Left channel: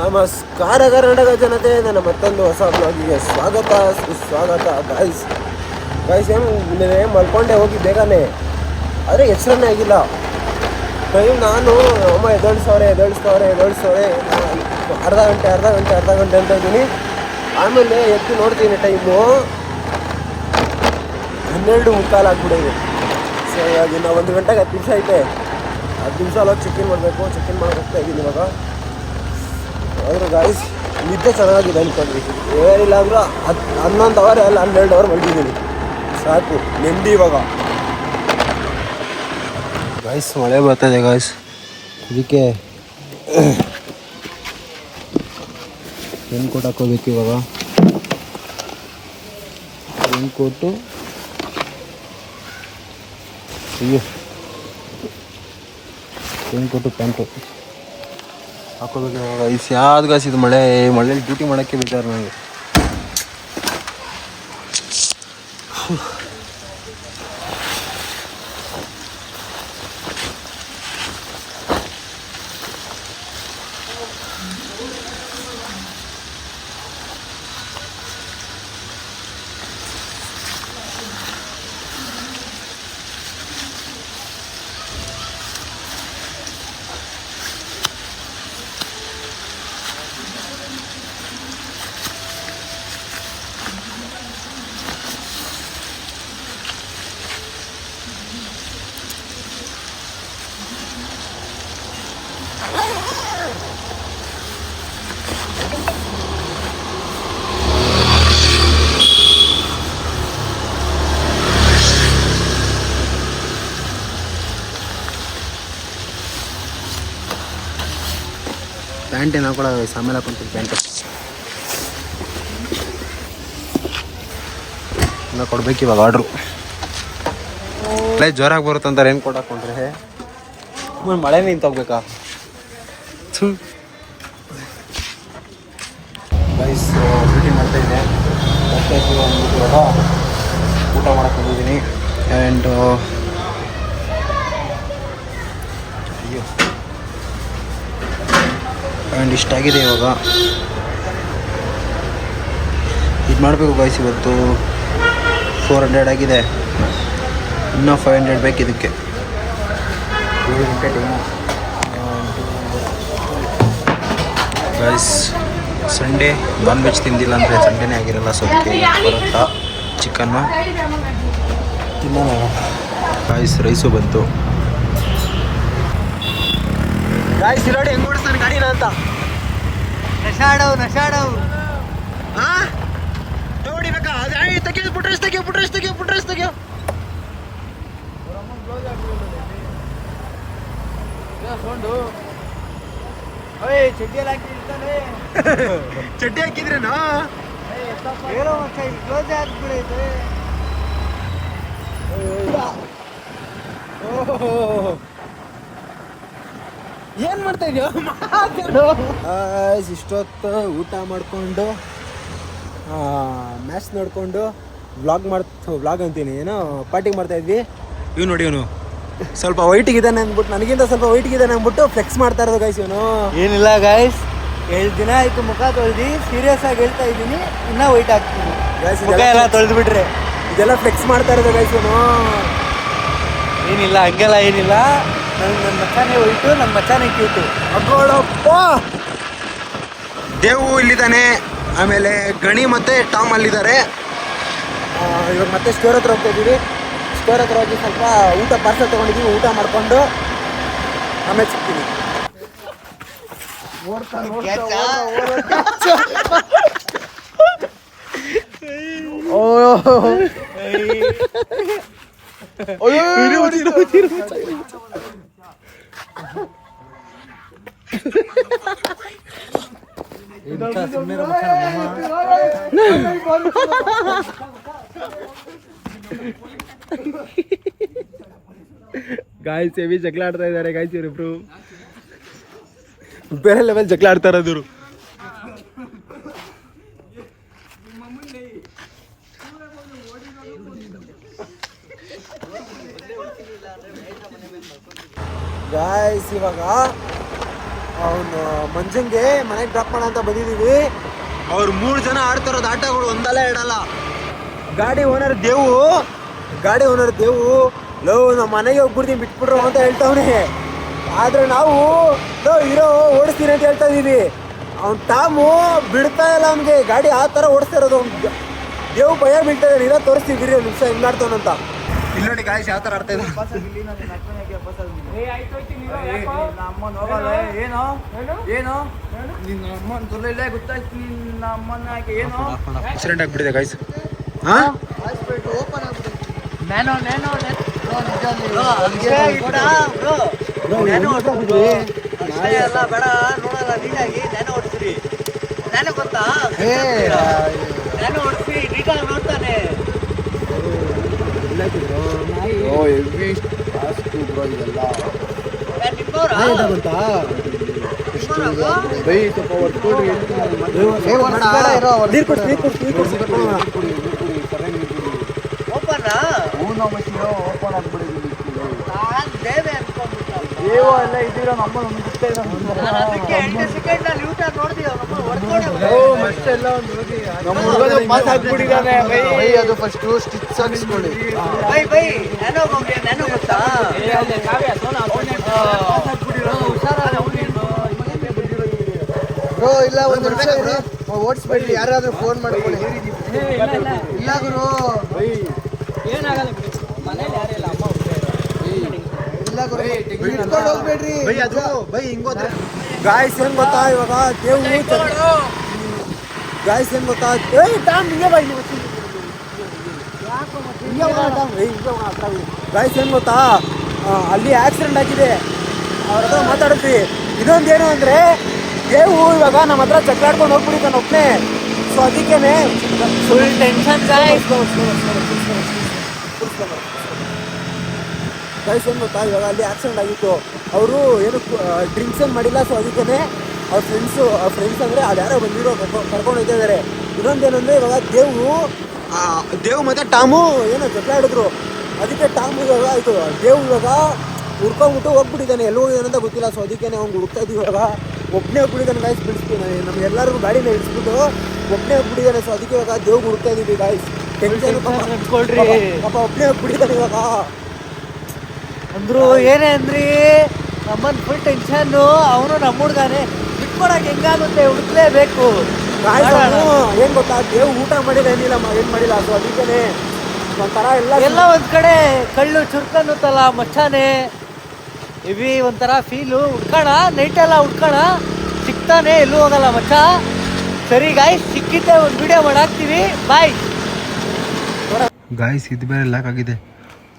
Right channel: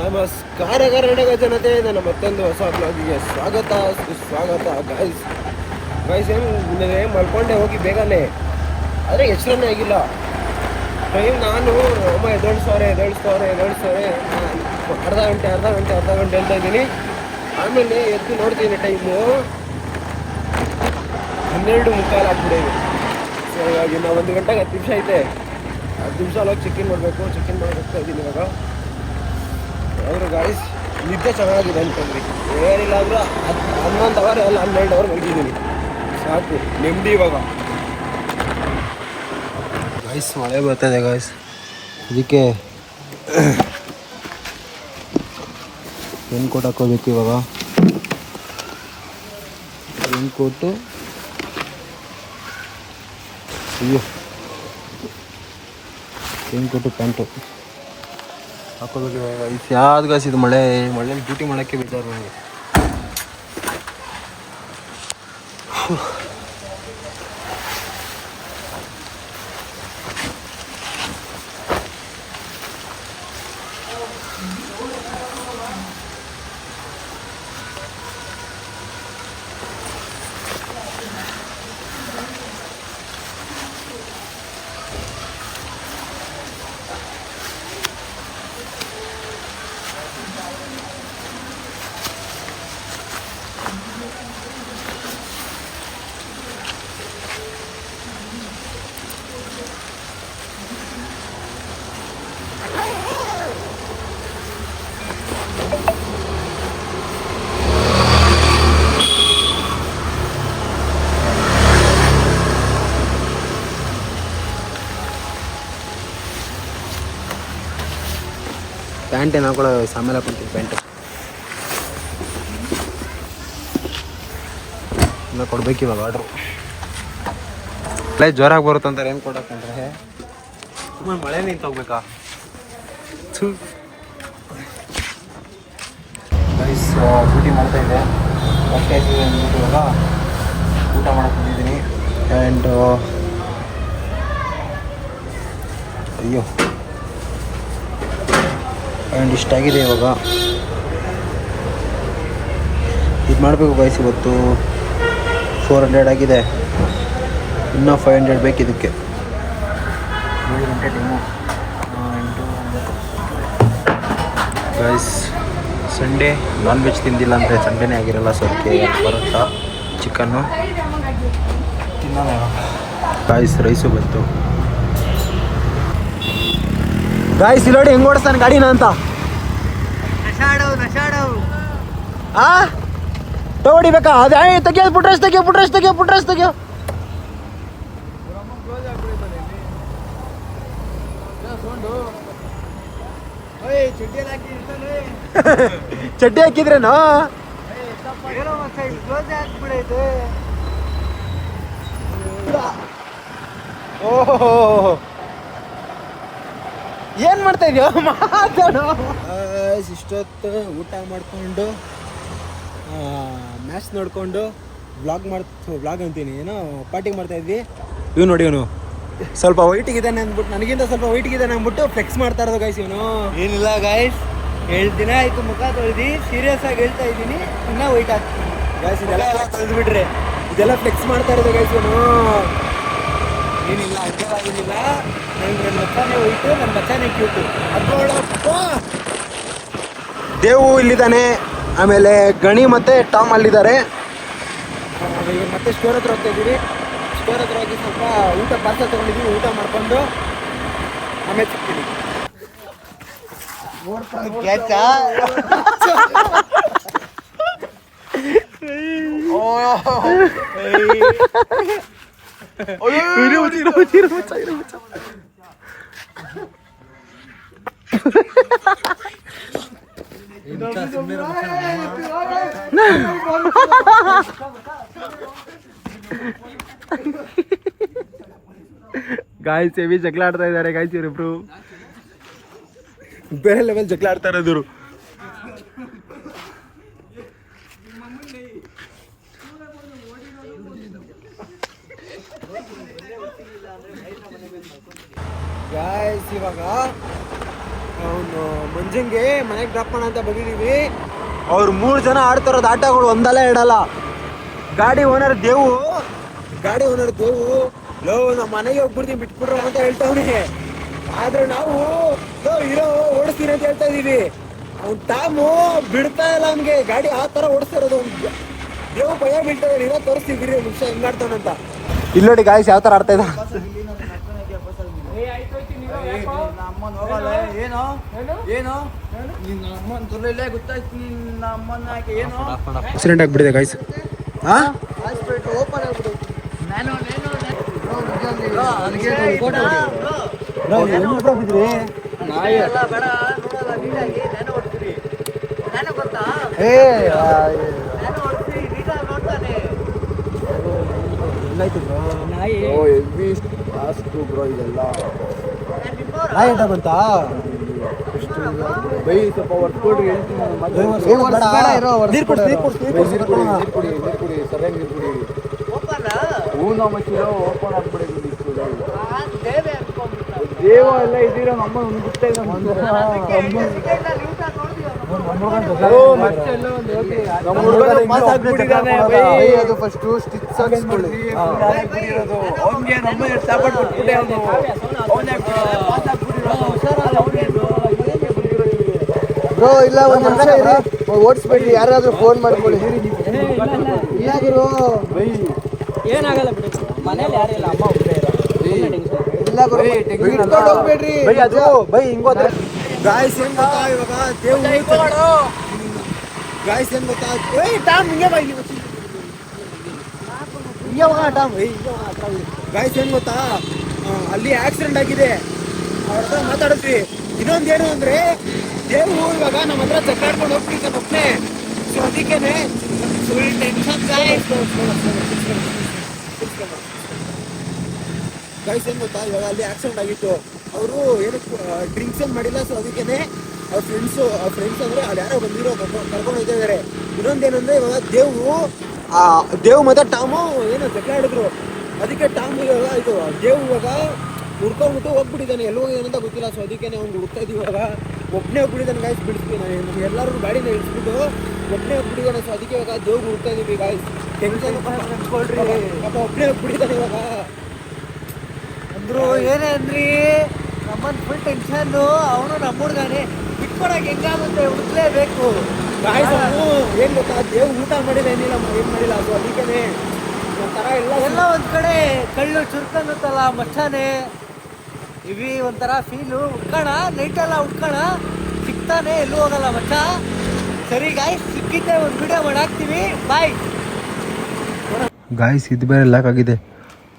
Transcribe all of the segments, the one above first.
ನಮಸ್ಕಾರ ಕರ್ನಾಟಕ ಜನತೆ, ನನ್ನ ಮತ್ತೊಂದು ಹೊಸ ಬ್ಲಾಗಿಗೆ ಸುಸ್ವಾಗತ. ಗಾಯ್ಸ್ ಏನು ಮಲ್ಕೊಂಡೆ ಹೋಗಿ ಬೇಗನೆ, ಆದರೆ ಎಚ್ಚರನೇ ಆಗಿಲ್ಲ. ಟೈಮ್ ನಾನು ಅಮ್ಮ ಎದ್ದೇಳಿಸ್ತವ್ರೆ ಅರ್ಧ ಗಂಟೆ ಅಂತ ಇದ್ದೀನಿ. ಆಮೇಲೆ ಎದ್ದು ನೋಡ್ತೀನಿ, ಟೈಮು 12:15 ಆಗ್ಬಿಟ್ಟಿದೆ. ಸೊ ಇವಾಗ ಇನ್ನು 1 ಗಂಟೆಗೆ 10 ನಿಮಿಷ ಐತೆ. 10 ನಿಮಿಷ ಅಲ್ಲ ಚೆಕ್-ಇನ್ ಮಾಡಬೇಕು. ಚೆಕ್-ಇನ್ ಮಾಡಿ ಹೋಗ್ತಾ ಇದ್ದೀನಿ ಇವಾಗ. ಆದರೆ ಗಾಯ್ಸ್ ನಿದ್ದೆ ಚೆನ್ನಾಗಿದೆ ಅಂದ್ಕೊಂಡ್ರಿ, ಏನಿಲ್ಲ ಅಂದರೂ 11 ಅವರ್ ಅಲ್ಲ 12 ಅವರ್ ಮಲಗಿದ್ದೀನಿ, ಸಾಕು ನೆಮ್ಮದಿ ಇವಾಗ. ಗಾಯ್ಸ್ ಮಳೆ ಬರ್ತಾಯಿದೆ ಗಾಯ್ಸ್, ಅದಕ್ಕೆ ರೈನ್ ಕೋಟ್ ಹಾಕೋಬೇಕು ಇವಾಗ. ರೈನ್ ಕೋಟು ಪ್ಯಾಂಟು ಹಾಕೋಬೇಕು ಇವಾಗ. ಯಾವ್ದು ಗಾಯ್ಸ್ ಇದು ಮಳೆಯಲ್ಲಿ ಡ್ಯೂಟಿ ಮಾಡೋಕ್ಕೆ ಬಿಡ್ತಾರೆ ನನಗೆ. ಪ್ಯಾಂಟ್ ಏನು ಹಾಕೊಳ್ಳೋ ಆಮೇಲೆ ಹಾಕೊಂತೀನಿ. ಪ್ಯಾಂಟು ಎಲ್ಲ ಕೊಡ್ಬೇಕು ಇವಾಗ ಆರ್ಡ್ರು. ಜೋರಾಗಿ ಬರುತ್ತಂತಾರೆ ಏನು ಕೋಟ್ ಹಾಕೊಂಡ್ರೆ. ಮಳೆ ನಿಂತೋಗ್ಬೇಕಾ? ಗೈಸ್ ಡ್ಯೂಟಿ ಮಾಡ್ತಾಯಿದ್ದೆ, ಮತ್ತೆ ಅಂದ್ಬಿಟ್ಟು ಇವಾಗ ಊಟ ಮಾಡಕ್ಕೆ ಬಂದಿದ್ದೀನಿ. ಆ್ಯಂಡ್ ಇಷ್ಟಾಗಿದೆ ಇವಾಗ. ಇದು ಮಾಡಬೇಕು ಗಾಯ್ಸ್. ಇವತ್ತು 400 ಆಗಿದೆ, ಇನ್ನೂ 500 ಬೇಕು ಇದಕ್ಕೆ. 7 ಗಂಟೆ time. Guys Sunday non veg ತಿಂದಿಲ್ಲ ಅಂದರೆ ಸಂಡೇನೇ ಆಗಿರಲ್ಲ. ಸೊ ಅದಕ್ಕೆ ಬರುತ್ತಾ ಚಿಕನ್ನು ತಿನ್ನೋಣ. ಗಾಯ್ಸ್ ರೈಸು ಬಂತು. ಗಾಯ್ಸ್ ನೋಡಿ ಹೆಂಗೆ ಓಡಿಸ್ತಾನೆ ಗಾಡಿನ ಅಂತ. ನಶಾಡವ್ ಹಾಂ ತಗೊಡಿಬೇಕಾ? ಅದೇ ತೆಗಿಯೋದು, ಪುಟ್ರೇಸ್ ತೆಗಿಯೋ. ಚಡ್ಡಿ ಹಾಕಿದ್ರೇನೋ? ಓಹೋ ಏನು ಮಾಡ್ತಾ ಇದೆಯೋ ಮಾತಾಡು. ಇಷ್ಟೊತ್ತು ಊಟ ಮಾಡಿಕೊಂಡು ಮ್ಯಾಚ್ ನೋಡಿಕೊಂಡು ವ್ಲಾಗ್ ಅಂತೀನಿ, ಏನೋ ಪಾರ್ಟಿಗೆ ಮಾಡ್ತಾಯಿದ್ವಿ. ಇವ್ ನೋಡಿ, ಇವನು ಸ್ವಲ್ಪ ವೈಟಿಗಿದ್ದಾನೆ ಅಂದ್ಬಿಟ್ಟು, ನನಗಿಂತ ಸ್ವಲ್ಪ ವೈಟಿಗಿದ್ದಾನೆ ಅಂದ್ಬಿಟ್ಟು ಫ್ಲೆಕ್ಸ್ ಮಾಡ್ತಾ ಇರೋದು ಗಾಯ್ಸ್. ಇವನು ಏನಿಲ್ಲ ಗಾಯ್ಸ್, 7 ದಿನ ಆಯಿತು ಮುಖ ತೊಳೆದು. ಸೀರಿಯಸ್ ಆಗಿ ಹೇಳ್ತಾ ಇದ್ದೀನಿ, ಇನ್ನೂ ವೈಟ್ ಆಗ್ತೀನಿ ಗಾಯ್ಸ್. ಇದೆಲ್ಲ ತೊಳೆದು ಬಿಟ್ರೆ ಇದೆಲ್ಲ ಫ್ಲೆಕ್ಸ್ ಮಾಡ್ತಾ ಇರೋದು ಗಾಯ್ಸ್. ಇವನು ಏನಿಲ್ಲ, ಹಂಗೆಲ್ಲ ಏನಿಲ್ಲ. ನನ್ನ ಮಚ್ಚಾನೆ ಹೋಯ್ತು, ನನ್ನ ಮಚ್ಚಾನೆ ಕ್ಯೂಟು. ಅಗೋಳಪ್ಪ. ದೇವು ಇಲ್ಲಿದ್ದಾನೆ, ಆಮೇಲೆ ಗಣಿ ಮತ್ತು ಟಾಮ್ ಅಲ್ಲಿದ್ದಾರೆ. ಇವಾಗ ಮತ್ತೆ ಸ್ಟೋರ್ ಹತ್ರ ಹೋಗ್ತಾ ಇದ್ದೀವಿ. ಸ್ಟೋರ್ ಹತ್ರ ಹೋಗಿ ಸ್ವಲ್ಪ ಊಟ ಪಾರ್ಸಲ್ ತೊಗೊಂಡಿದ್ದೀವಿ. ಊಟ ಮಾಡಿಕೊಂಡು ಆಮೇಲೆ ಸಿಗ್ತೀನಿ. ಗಾಯ್ಸ್ ಹೆವಿ ಜಗಳ ಆಡ್ತಾ ಇದ್ದಾರೆ ಗಾಯ್ಸ್. ಇವರಿಬ್ರು ಬೇರೆ ಲೆವೆಲ್ ಜಗಳ ಆಡ್ತಾ ಇರೋದು. ಗಾಯ್ಸ್ ಇವಾಗ ಅವನು ಮಂಜಂಗೆ ಮನೆಗೆ ಡ್ರಾಪ್ ಮಾಡೋಣ ಅಂತ ಬಂದಿದ್ದೀವಿ. ಅವ್ರು 3 ಜನ ಆಡ್ತಾರೋದು ಆಟಗಳು ಒಂದಲ್ಲ ಎರಡಲ್ಲ. ಗಾಡಿ ಓನರ್ ದೇವು ಲವ್ ನಮ್ಮ ಮನೆಗೆ ಹೋಗ್ಬಿಡ್ತೀನಿ ಬಿಟ್ಬಿಡ್ರು ಅಂತ ಹೇಳ್ತಾವನೆ. ಆದ್ರೆ ನಾವು ಇರೋ ಓಡಿಸ್ತೀನಿ ಅಂತ ಹೇಳ್ತಾ ಇದೀವಿ. ಅವ್ನು ಟಾಮು ಬಿಡ್ತಾ ಇಲ್ಲ ಅವ್ನಿಗೆ ಗಾಡಿ ಆ ಥರ ಓಡಿಸ್ತಾ ಇರೋದು. ಅವ್ನು ದೇವು ಭಯ ಬೀಳ್ತಾ ಇದ್ದಾನೆ. ತೋರಿಸ್ತೀವಿ ಒಂದು ನಿಮಿಷ ಹೆಂಗ್ ಆಡ್ತಾವನಂತ. ಇಲ್ಲಿ ನೋಡಿ ಗಾಯ್ಸ್ ಯಾವ ಥರ ಆಡ್ತಾ ಇದ್ದ. ಆಕ್ಸಿಡೆಂಟ್ ಆಗ್ಬಿಟ್ಟಿದೆ ಗಾಯ್ಸ್. ದೇವ ಎಲ್ಲ ಇದ್ದೀರ ನಮ್ಮ ಓಡಿಸ್ಬಿಡ್ರಿ. ಯಾರಾದ್ರೂ ಫೋನ್ ಮಾಡ್ಕೊಳ್ಳಿ. ಇಲ್ಲ ಗುರು ಏನಾಗಲ್ಲ ಅದು ಬೈ ಹಿಂಗೋದ್ರೆ ಗಾಯ್ಸ್ ಏನ್ ಗೊತ್ತಾ ಇವಾಗ ದೇವು ಗಾಯ್ಸ್ ಏನ್ ಗೊತ್ತಾ ಟಾಮ್ ಹಿಂಗೆ ಬೈ ಗಾಯ್ಸ್ ಏನ್ ಗೊತ್ತಾ ಅಲ್ಲಿ ಆಕ್ಸಿಡೆಂಟ್ ಆಗಿದೆ. ಅವ್ರ ಹತ್ರ ಮಾತಾಡಿದ್ವಿ. ಇನ್ನೊಂದೇನು ಅಂದ್ರೆ ದೇವು ಇವಾಗ ನಮ್ಮ ಹತ್ರ ಚಕ್ಕಾಡ್ಕೊಂಡು ಹೋಗ್ಬಿಡಿತಾನೆ ಒಬ್ಬನೇ. ಸೊ ಅದಕ್ಕೇನೆ ಫುಲ್ ಟೆನ್ಷನ್ ಗೈಸ್ ಏನು ಗೊತ್ತಾ ಇವಾಗ ಅಲ್ಲಿ ಆಕ್ಸಿಡೆಂಟ್ ಆಗಿತ್ತು. ಅವರು ಏನು ಡ್ರಿಂಕ್ಸ್ ಏನು ಮಾಡಿಲ್ಲ. ಸೊ ಅದಕ್ಕೇನೆ ಅವ್ರ ಫ್ರೆಂಡ್ಸ್ ಅಂದರೆ ಅದು ಯಾರೋ ಬಂದಿರೋ ಕರ್ಕೊಂಡು ಹೋಗ್ತಾ ಇದ್ದಾರೆ. ಇನ್ನೊಂದೇನಂದರೆ ಇವಾಗ ದೇವು ಮತ್ತು ಟಾಮು ಏನೋ ಜಗಳ ಆಡಿದ್ರು. ಅದಕ್ಕೆ ಟಾಮು ಇವಾಗ ಇದು ದೇವು ಇವಾಗ ಹುಡ್ಕೊಂಡ್ಬಿಟ್ಟು ಹೋಗ್ಬಿಟ್ಟಿದ್ದಾನೆ. ಎಲ್ಲಿ ಹೋಗಿದ್ದಾನೆ ಅಂತ ಗೊತ್ತಿಲ್ಲ. ಸೊ ಅದಕ್ಕೆ ಅವ್ನು ಹುಡುಕ್ತಾ ಇದ್ದೀವಿ. ಇವಾಗ ಒಬ್ಬನೇ ಹೋಗ್ಬಿಟ್ಟಿದ್ದಾನೆ ಗಾಯ್ಸ್. ಬಿಡಿಸ್ತೀನಿ ನಮಗೆಲ್ಲರಿಗೂ ಗಾಡಿನ ಇಳಿಸ್ಬಿಟ್ಟು ಒಬ್ಬನೇ ಹೋಗ್ಬಿಟ್ಟಿದ್ದಾನೆ. ಸೊ ಅದಕ್ಕೆ ಇವಾಗ ದೇವು ಹುಡುಕ್ತಾ ಇದ್ದೀವಿ ಗಾಯ್ಸ್. ಟೆನ್ಷನ್ ಪಾಪ ಒಬ್ಬನೇ ಹೋಗ್ಬಿಟ್ಟಿದ್ದಾನೆ ಇವಾಗ. ಅಂದ್ರು ಏನೇ ಅಂದ್ರಿ ನಮ್ಮನ್ನು ಫುಲ್ ಟೆನ್ಷನ್ನು. ಅವನು ನಮ್ಮ ಹುಡುಗಾನೆ ಬಿಟ್ಕೊಡಕ್ಕೆ ಹೆಂಗಾಗುತ್ತೆ ಹುಡುಕ್ಲೇಬೇಕು. ಗಾಯ್ಸ್ ಅವನು ಏನು ಗೊತ್ತಾ ದೇವು ಊಟ ಮಾಡಿಲ್ಲ ಏನಿಲ್ಲ ಏನು ಮಾಡಿಲ್ಲ. ಅದು ಅದಕ್ಕೇನೆ ಒಂಥರ ಎಲ್ಲ ಒಂದು ಕಡೆ ಕಳ್ಳು ಚುರ್ಕನ್ನುತ್ತಲ್ಲ ಮಚ್ಚಾನೆ ಇವಿ ಒಂಥರ ಫೀಲು. ಹುಡ್ಕೋಣ ನೈಟೆಲ್ಲ ಹುಡ್ಕೋಣ ಸಿಗ್ತಾನೆ ಎಲ್ಲೂ ಹೋಗಲ್ಲ ಮಚ್ಚ. ಸರಿ ಗಾಯ್ಸ್ ಸಿಕ್ಕಿದ್ದೆ ಒಂದು ವಿಡಿಯೋ ಮಾಡಾಕ್ತೀವಿ. Bye guys. ಇದು ಬೇರೆ ಲಾಕ್ ಆಗಿದೆ.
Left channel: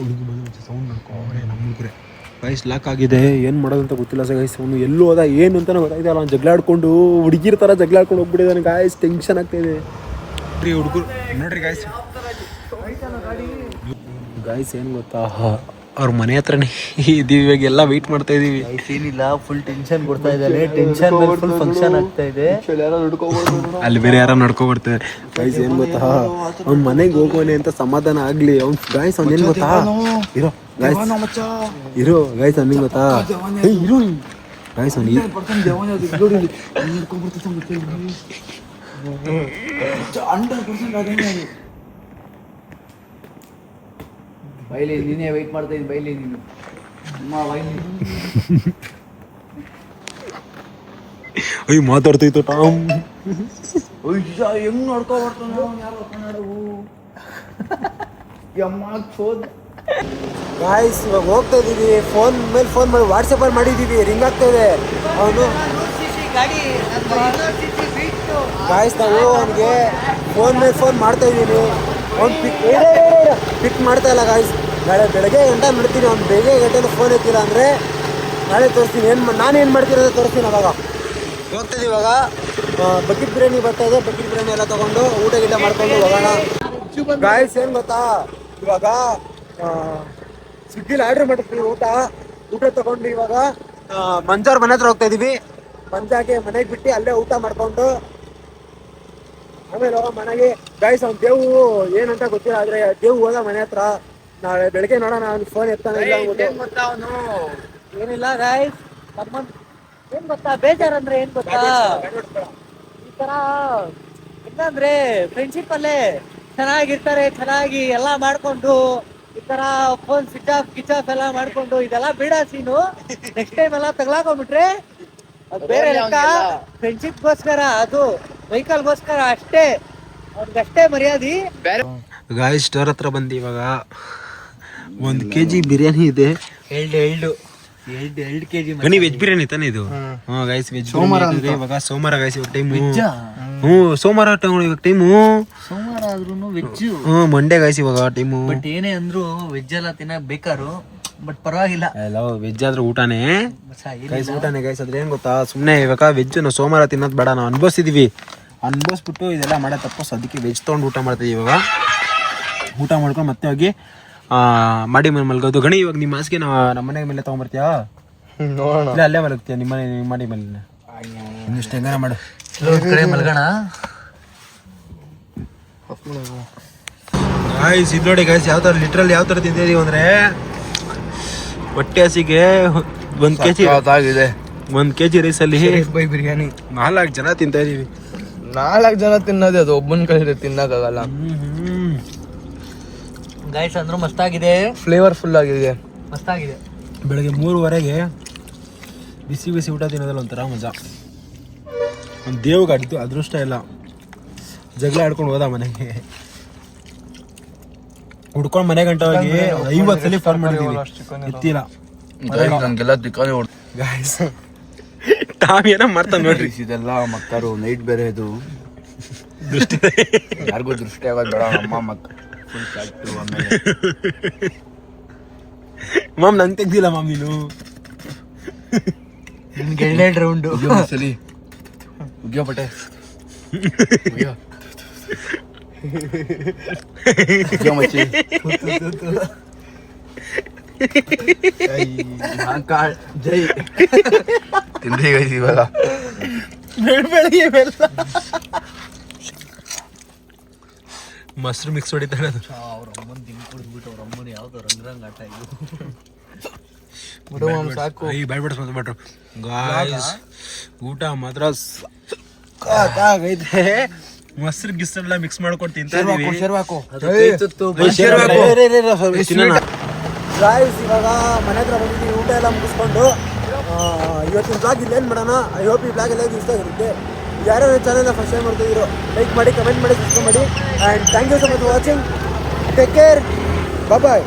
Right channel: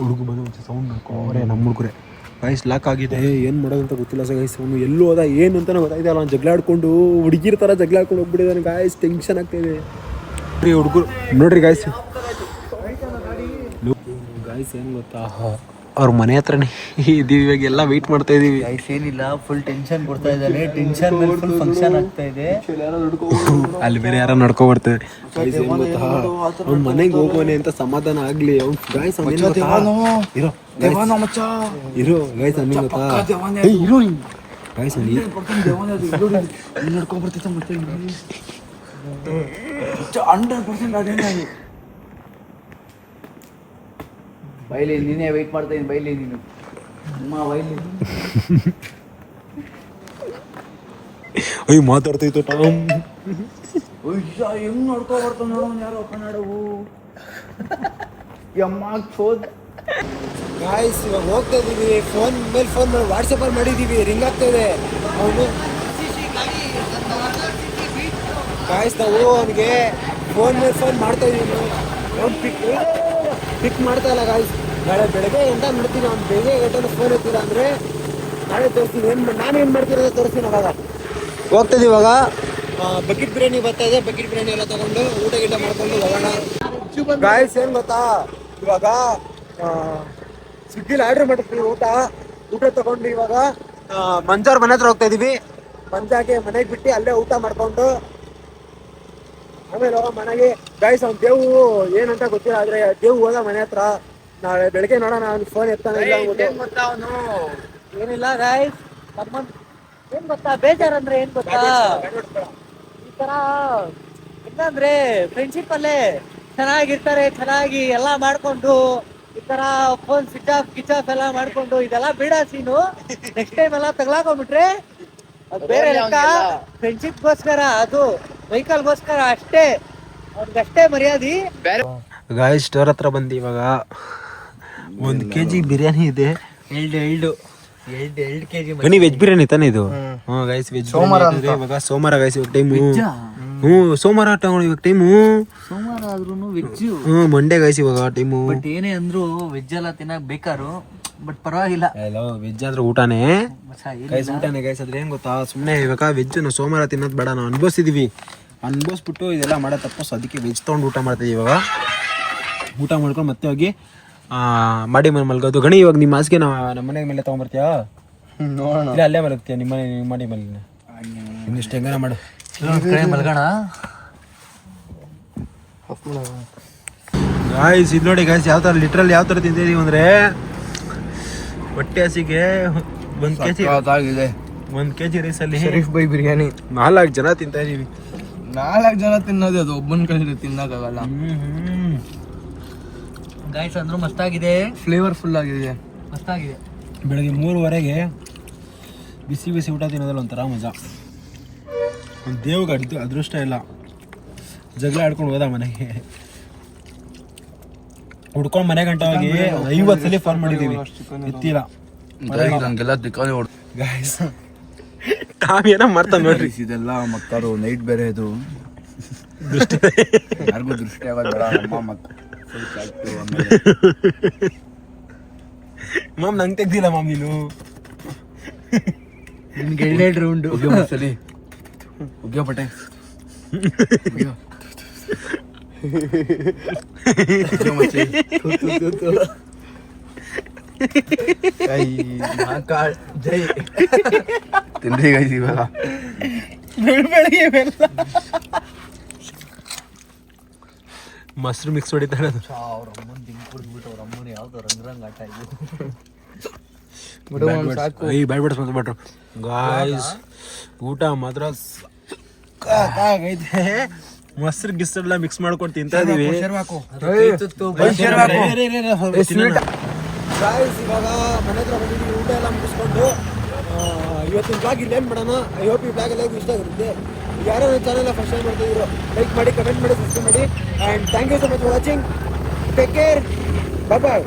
ಹುಡುಗ ಬಂದು ಒಂಚೂರು ಸೌಂಡ್ ನೋಡ್ಕೊಂಡ್ರೆ ನಮ್ಮ ಹುಡುಗರೆ ಗಾಯ್ಸ್ ಲಾಕ್ ಆಗಿದೆ. ಏನು ಮಾಡೋದು ಅಂತ ಗೊತ್ತಿಲ್ಲ ಸರ್ ಗಾಯ್ಸ್. ಅವನು ಎಲ್ಲೂ ಹೋದ ಏನು ಅಂತ ಗೊತ್ತಾಯ್ತಲ್ಲ. ಅವ್ನು ಜಗಳಾಡ್ಕೊಂಡು ಹುಡುಗಿರ ಥರ ಜಗಳಾಡ್ಕೊಂಡು ಹೋಗ್ಬಿಟ್ಟಿದ್ದಾನೆ ಗಾಯ್ಸ್. ಟೆನ್ಷನ್ ಆಗ್ತಾಯಿದೆ ಹುಡುಗರು ನೋಡ್ರಿ ಗಾಯ್ಸ್. ಗಾಯ್ಸ್ ಏನು ಗೊತ್ತಾ ಅವ್ರ ಮನೆ ಹತ್ರನೇ ಇದೀವಿ. ಇವಾಗ ಎಲ್ಲ ವೆಯ್ಟ್ ಮಾಡ್ತಾ ಇದೀವಿ. ಏನಿಲ್ಲ ಫುಲ್ ಟೆನ್ಷನ್ ಕೊಡ್ತಾ ಇದ್ದಾರೆ. ಟೆನ್ಷನ್ ಮೇಲೆ ಫುಲ್ ಫಂಕ್ಷನ್ ಆಗ್ತಾ ಇದೆ. ಅಲ್ಲಿ ಬೇರೆ ಯಾರೋ ನಡ್ಕೊ ಬರ್ತಾರೆ ಗಾಯ್ಸ್. ಏನು ಗೊತ್ತಾ ಅವ್ನ ಮನೆಗೆ ಹೋಗೋನೆ ಅಂತ ಸಮಾಧಾನ ಆಗ್ಲಿ ಅವ್ನು ಗಾಯ್ಸ್. ಅವ್ನು ಏನು ಗೊತ್ತಾ ಇರೋ ಗಾಯ್ಸ್ ಅವ್ನಿಗೆ ಗೊತ್ತಾ ಇರೋ ಗಾಯ್ಸ್ ಬೈಲಿ ನೀನೇ ವೆಯ್ಟ್ ಮಾಡ್ತಾ ಇದ್ದೀನಿ. ಬೈಲಿ ನೀನು ಅಮ್ಮ ಬೈಲಿ. ಅಯ್ಯ ಮಾತಾಡ್ತಿತ್ತು ಟಾಮ್. ಹೆಂಗ್ ನೋಡ್ಕೊ ಬರ್ತಾನ ಯಾರೋ ಕನ್ನಡವು ಅಮ್ಮ ಚೋದ್. ಗಾಯ್ಸ್ ಇವಾಗ ಹೋಗ್ತಾ ಇದೀವಿ. ಫೋನ್ ಮೇಲೆ ಫೋನ್ ಮಾಡಿ ವಾಟ್ಸಪ್ಪಲ್ಲಿ ಮಾಡಿದ್ದೀವಿ. ರಿಂಗ್ ಆಗ್ತಾ ಇದೆ. ಅವನು ಗಾಯ್ಸ್ ನಾವು ಅವನಿಗೆ ಫೋನ್ ಮೇಲೆ ಫೋನ್ ಮಾಡ್ತಾ ಇದ್ದೀನಿ. ಅವ್ನು ಪಿಕ್ ಮಾಡ್ತಾ ಇಲ್ಲ ಗಾಯ್ಸ್. ನಾಳೆ ಬೆಳಗ್ಗೆ ಗಂಟ ಮಾಡ್ತೀನಿ. ಅವ್ನು ಬೆಳಗ್ಗೆ ಗಂಟೆ ಫೋನ್ ಎತ್ತಿಲ್ಲ ಅಂದರೆ ನಾಳೆ ತೋರಿಸ್ತೀನಿ. ನಾನೇನು ಮಾಡ್ತಿರೋದು ತೋರಿಸ್ತೀನಿ. ಅವಾಗ ಹೋಗ್ತಾಯಿದ್ದೀವಿ. ಇವಾಗ ಬಕೆಟ್ ಬಿರಿಯಾನಿ ಬರ್ತಾಯಿದೆ. ಬಕೆಟ್ ಬಿರಿಯಾನಿ ಎಲ್ಲ ತೊಗೊಂಡು ಊಟ ಗಿಟ ಮಾಡ್ಕೊಂಡು ಹೋಗೋಣ ಗಾಯ್ಸ್. ಏನು ಗೊತ್ತಾ ಇವಾಗ ಸ್ವಿಗ್ಗಿಲಿ ಆರ್ಡ್ರ್ ಮಾಡಿರ್ತೀವಿ ಊಟ ತೊಗೊಂಡು ಇವಾಗ ಮಂಜಾರ್ ಮನೆ ಹತ್ರ ಹೋಗ್ತಾ ಇದೀವಿ. ಮಂಜಾಗೆ ಮನೆಗೆ ಬಿಟ್ಟು ಅಲ್ಲೇ ಊಟ ಮಾಡ್ಕೊಂಡು ಆಮೇಲೆ ಹೋಗೋ ಮನೆಗೆ ಗಾಯ್ಸ್. ಅವ್ನು ದೇವು ಏನಂತ ಗೊತ್ತಿಲ್ಲ. ಆದರೆ ದೇವು ಹೋದ ಮನೆ ಹತ್ರ. ನಾಳೆ ಬೆಳಗ್ಗೆ ನೋಡೋಣ. ಅವ್ನು ಫೋನ್ ಎತ್ತಾನೆ ಇಲ್ಲ ಅಂದ್ಬಿಟ್ಟು. ಏನಿಲ್ಲ ಗಾಯ್ಸ್ ಏನ್ ಗೊತ್ತಾ ಬೇಜಾರಂದ್ರೆ ಏನ್ ಗೊತ್ತಾ, ಈ ತರ ಏನಂದ್ರೆ ಫ್ರೆಂಡ್ಶಿಪ್ ಅಲ್ಲೇ ಚೆನ್ನಾಗಿರ್ತಾರೆ, ಚೆನ್ನಾಗಿ ಎಲ್ಲಾ ಮಾಡ್ಕೊಂಡು ಈ ತರ ಫೋನ್ ಸ್ವಿಚ್ ಆಫ್ ಗಿಚ್ ಆಫ್ ಎಲ್ಲ ಮಾಡ್ಕೊಂಡು ಇದೆಲ್ಲ ಬೇಡ ಸೀನು. ನೆಕ್ಸ್ಟ್ ಟೈಮ್ ಎಲ್ಲ ತಗ್ಲಾಕೊಂಡ್ಬಿಟ್ರೆ ಅದು ಬೇರೆ ಲೆಕ್ಕ. ಫ್ರೆಂಡ್ಶಿಪ್ಗೋಸ್ಕರ, ಅದು ವೆಹಿಕಲ್ಗೋಸ್ಕರ ಅಷ್ಟೇ, ಅವ್ರಿಗಷ್ಟೇ ಮರ್ಯಾದೆ. ಗಾಯ್ಸ್ ಸ್ಟೋರ್ ಹತ್ರ ಬಂದು ಇವಾಗ 1 kg ಬಿರಿಯಾನಿ ಇದೆ. ಎರಡು ಕೆಜಿ ಗಣಿ ವೆಜ್ ಬಿರಿಯಾನಿ ತಾನೆ ಇದು? ಹ್ಞೂ ಗೈಸ್ ವೆಜ್ ಬಿರಿಯಾನಿ ಇವಾಗ ಸೋಮವಾರ ಗೈಸ್ ಇವಾಗ ಟೈಮು. ಸೋಮವಾರ ಇವಾಗ ಟೈಮು. ಸೋಮವಾರ ಆದ್ರೂ ವೆಜ್. ಮಂಡೇ ಗೈಸ್ ಇವಾಗ ಟೈಮು. ಬಟ್ ಏನೇ ಅಂದ್ರು ವೆಜ್ ಎಲ್ಲ ತಿನ್ನಕ್ ಬೇಕಾರು, ಬಟ್ ಪರವಾಗಿಲ್ಲ. ವೆಜ್ ಆದ್ರೆ ಊಟನೇ ಗೈಸ್, ಊಟನೇ ಗೈಸ್. ಅದ್ರ ಏನ್ ಗೊತ್ತಾ, ಸುಮ್ಮನೆ ಇವಾಗ ವೆಜ್ ನಾವು ಸೋಮವಾರ ತಿನ್ನೋದು ಬೇಡ, ನಾವು ಅನ್ಭವಿಸಿದೀವಿ. ಅನ್ಭವಿಸ್ಬಿಟ್ಟು ಇದೆಲ್ಲ ಮಾಡೋ ತಪ್ಪು, ಅದಕ್ಕೆ ವೆಜ್ ತೊಗೊಂಡು ಊಟ ಮಾಡ್ತೀವಿ. ಇವಾಗ ಊಟ ಮಾಡ್ಕೊಂಡು ಮತ್ತೆ ಹೋಗಿ ಮಾಡಿ ಮಲ್ಗೋದು. ಗಣಿ ಇವಾಗ ನಿಮ್ಮ ಹಾಸಿಗೆ ನಮ್ಮ ಮನೆ ಮೇಲೆ ತಗೊಂಡ್ಬರ್ತೀಯಾ? ಇಲ್ಲ ಅಲ್ಲೇ ಮಲಗ್ತೀಯ ನಿಮ್ಮ ಮಾಡಿ ಮೇಲೆ? ಇನ್ನಿಷ್ಟು ಹೆಂಗಾರ ಮಾಡು, ಕಡೆ ಮಲ್ಗೋಣ. ಗಾಯ್ಸ್ ಇದು ನೋಡಿ ಗಾಯ್ಸ್, ಯಾವ ಥರ ಲಿಟ್ರಲ್ ಯಾವ ಥರ ತಿಂತಿದೀವಿ ಅಂದರೆ, ಹೊಟ್ಟೆ ಹಸಿಗೆ 1 kg ಆಗಿದೆ. 1 kg ರೈಸಲ್ಲಿ ಬೈ ಬಿರಿಯಾನಿ 4 ಜನ ತಿಂತಾ ಇದೀವಿ. 4 ಜನ ತಿನ್ನೋದೇ, ಅದು ಒಬ್ಬನ ಕೈಲಿ ತಿನ್ನಕ್ಕಾಗಲ್ಲ. ಗಾಯ್ಸ್ ಅಂದ್ರೂ ಮಸ್ತಾಗಿದೆ, ಫ್ಲೇವರ್ಫುಲ್ ಆಗಿದೆ, ಮಸ್ತಾಗಿದೆ. ಬೆಳಗ್ಗೆ 3:15ಗೆ ಬಿಸಿ ಬಿಸಿ ಊಟ ತಿನ್ನೋದ್ರಲ್ಲಿ ಒಂಥರ ಮಜಾ. ಒಂದು ದೇವ್ಗೆ ಅದೃಷ್ಟ ಇಲ್ಲ, ಜಗಳ ಆಡ್ಕೊಂಡು ಹೋದ ಮನೆಗೆ. ಹುಡ್ಕೊಂಡು ಮನೆ ಗಂಟೆ ಹೋಗಿ 50 ಸಲ ಫೋನ್ ಮಾಡಿದೀವಿ, ಎತ್ತಿಲ್ಲ. ನನಗೆಲ್ಲ ದಿಕ್ಕಾನೆ ಗಾಯ್ಸ್ ಟಾಮ್ ಏನೋ ಮಾಡ್ತಾನೆ ನೋಡ್ರಿ. ಇದೆಲ್ಲ ಮಕ್ಕಳು ನೈಟ್ ಬೇರೆ ಇದು ದೃಷ್ಟಿ ಯಾರಿಗೂ ದೃಷ್ಟಿ ಆಗೋದು. ಮಾಮ್ ನಂಗೆ ತೆಗ್ದಿಲ್ಲ ಮಾಮ್ ನೀನು. ನಿಮ್ಗೆ 2 ರೌಂಡು ಸಲಿ ಉಗ್ಯೋ ಬಟ್ಟೆ ಜೈ ತಿಂದ್ರಿ ಗೈಸ್ ಇವಾಗ ಬೆಳಗ್ಗೆ ಮೊಸರು ಮಿಕ್ಸ್ ಹೊಡಿತಾರೆ ಅದು. ಅವ್ರ ಅಮ್ಮನ ತಿಂಗ್ ಕುಡಿದ್ಬಿಟ್ಟು ಅವ್ರ ಅಮ್ಮನ ಯಾವ್ದೋ ರಂಗ್ ಆಟ ಸಾಕು. ಬ್ಯಾಡ್ಬಿಟ್ರು ಗಾಯ್ಸ್, ಊಟ ಮಾತ್ರ ಸಖತ್ತಾಗೈತೆ. ಮೊಸರು ಗಿಸ್ಸೆಲ್ಲ ಮಿಕ್ಸ್ ಮಾಡ್ಕೊಂಡು ತಿಂತಾ ಇದೀವಿ. ಗಾಯ್ಸ್ ಇವಾಗ ಮನೆ ಹತ್ರ ಬಂದಿದ್ದೀವಿ, ಊಟ ಎಲ್ಲ ಮುಗಿಸ್ಕೊಂಡು. ಇವತ್ತಿನ ಬ್ಲಾಗ್ ಇಲ್ಲೇನು ಮಾಡೋಣ. ಐ ಹೋಪ್ ಈ ಬ್ಲಾಗ್ ಎಲ್ಲ ಇಷ್ಟ ಆಗಿರುತ್ತೆ. ಯಾರೋ ನನ್ನ ಚಾನಲ್ನ ಫಸ್ಟ್ ಟೈಮ್ ಮಾಡ್ತಿದ್ರು, ಲೈಕ್ ಮಾಡಿ, ಕಮೆಂಟ್ ಮಾಡಿ, ಸಬ್ಸ್ಕ್ರೈಬ್ ಮಾಡಿ. And thank you so much for watching. Take care, bye.